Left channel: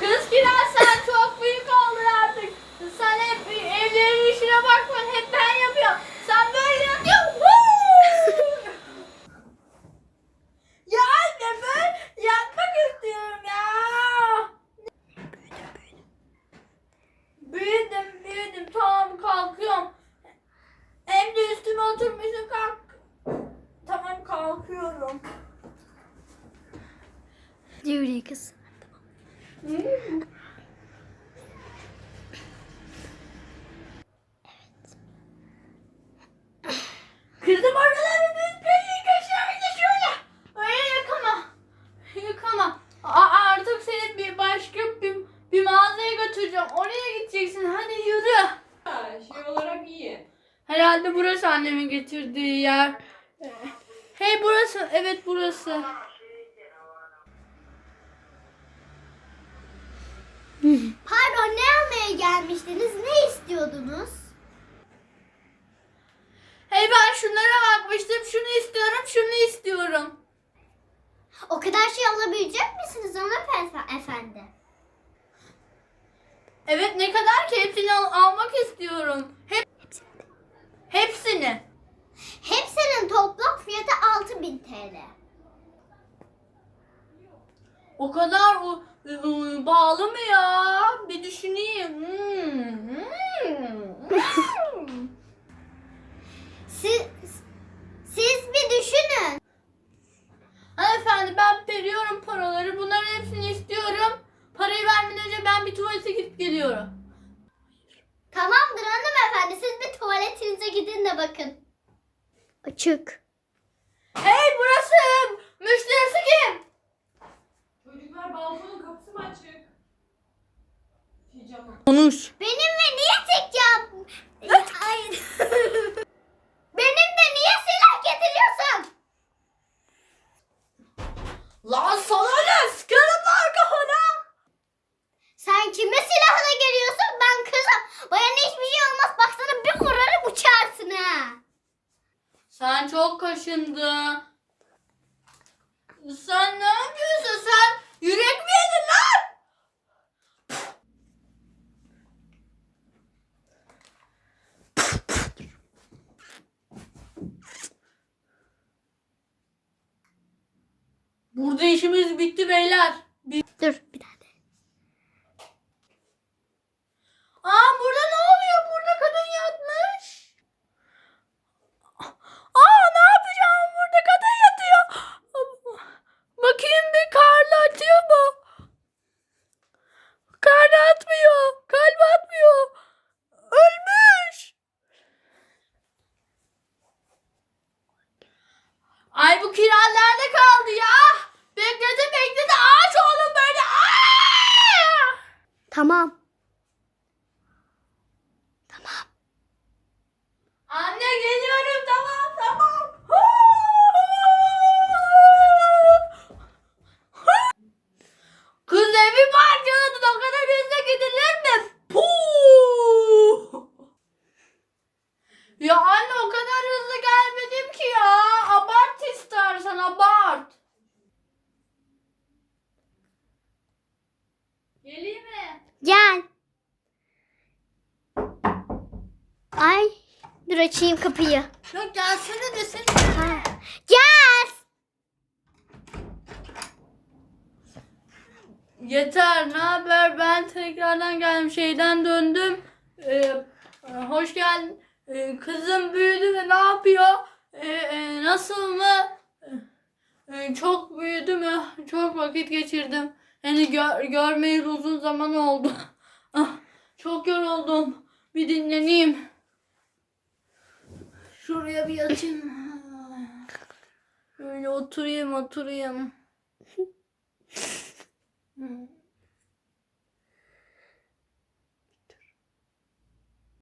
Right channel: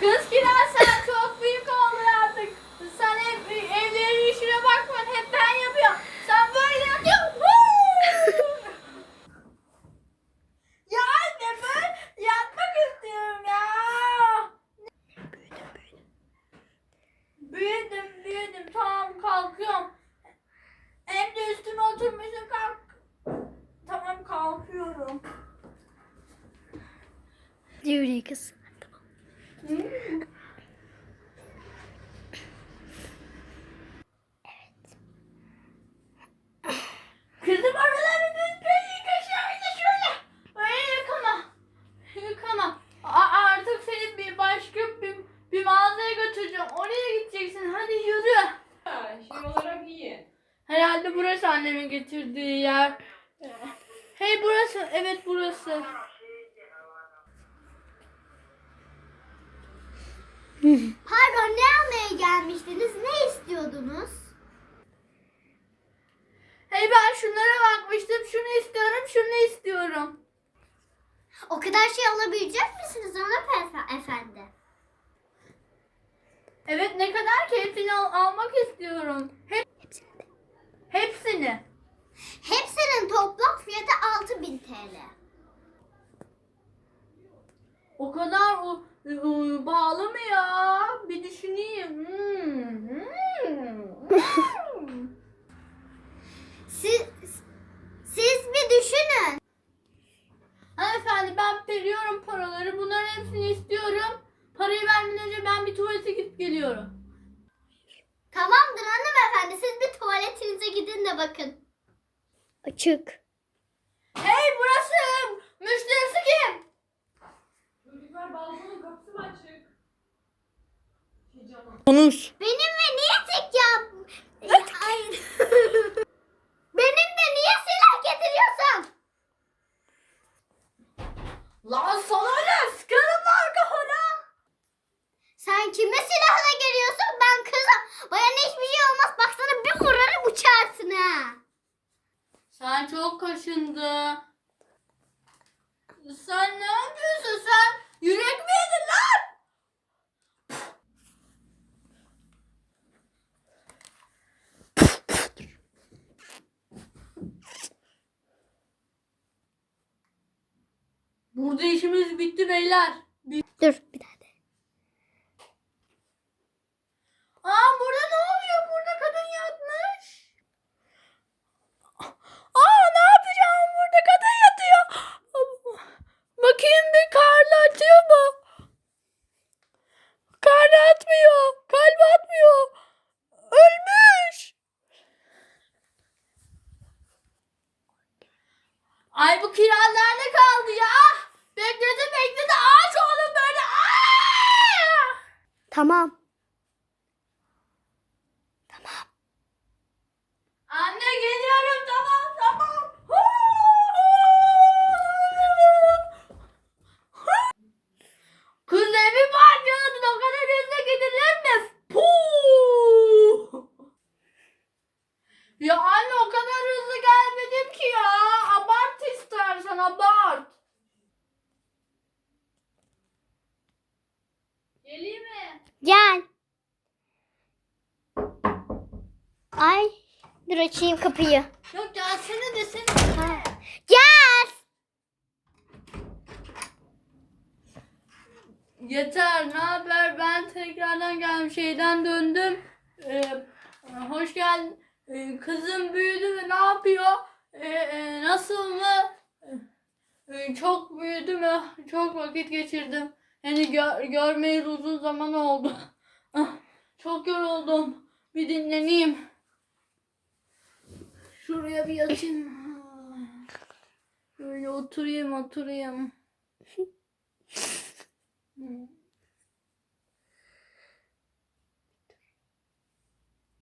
Kız Kiraz sen çok büyük oldun artık. Sen hep evlerin işine bakmıyorsun. Hep ben yapıyorum. Sen böyle yapıyorsun. ya anne ben yatmak istiyorum ya. Büyüdüm büyüdüm. Tamam kalkıyorum. Hem de üstüme oturmuşsun kalk. Tamam kalkıyorum. Yürü kız. Kızım oraları düzgün şöyle şöyle. Öyle yıkama. Yıkama. Aa, artık seni bir başka bir, bir mağazaya götüreceğim. Oraya gideceksin. Hadi yürü. Ha, şey olarak iyi. Herhalde burası annemin getirdiği yer. Hey burası. Evet burası. Pardon ne almaya gelmiştiniz? Ne istiyordunuz? Hey ben şunlara bakmıştım. Şunu istiyorum. Şunu istiyorum. O kadar şey alabilecek misiniz ona efendi? Evet ne kadar ki hepsini al- almak istiyorum. Hep hepsini. Hepsinin toplam fiyatı 6000 TL. O kadar o, ı, bağlı mı ya? Bir düşüneyim. Hmm, hmm. Siz, siz bir düşünün. Hanımefendi ben veriyorum paraları. Bunların hepsini istiyorum. Parayı vermeden önce ben bir tuvalete gidip geliyorum. Tamamdır hanımefendi siz bir tuvaletinize gidin de bakın. Açık. Hey burası! Müşterisi kim? Çocuklar balkonun kapısı mı açık? Konuş. Benimle niye tek cam? Ay. Benimle niye silah getiriyorsun? Lan sana ne? Sıkarım lan kafana. Sen kime silahla geliyorsun? Ben kızım. Bana hiçbir şey olmaz. Bak sana bir vurarım uçarsın ha. Sen çok kaşındın. Sen ne yapıyorsun sen? Yürek mi yedin lan? Burada işimiz bitti beyler. Bi- Dur bir daha de. Aa burada ne oluyor? Burada kadın yatmış. Aa ne yapacağım? Burada kadın yatıyor. Bir karnı atıyor mu? Karnı atmıyor. Kalbi atmıyor. Ölmüş. Ay bu kiraz nerede kaldı ya? Tamam. Anne geliyorum tamam tamam. Kız evi parçaladın o kadar hızlı gidilir mi? Puh! Ya anne o kadar hızlı gelmedim ki ya. Abart istersen abart. Geleyim mi? Gel. Ay. Dur açayım kapıyı. Yok gelsene desene. Ha. Gel. Yeter, ne haber? Ben tekrardan geldim, şeyden döndüm. Ee, hoş geldin. Ee, kızım büyüdü ve ne yapıyor? Ee, e, nasıl mı? Ee, çok büyüdü mü? Çok vakit geçirdim. Yani gör, görmeyeli uzun zaman oldu. Ah, çok yoruldum. Bir dinleneyim. Şuraya bir yatayım. Böyle oturayım, oturayım.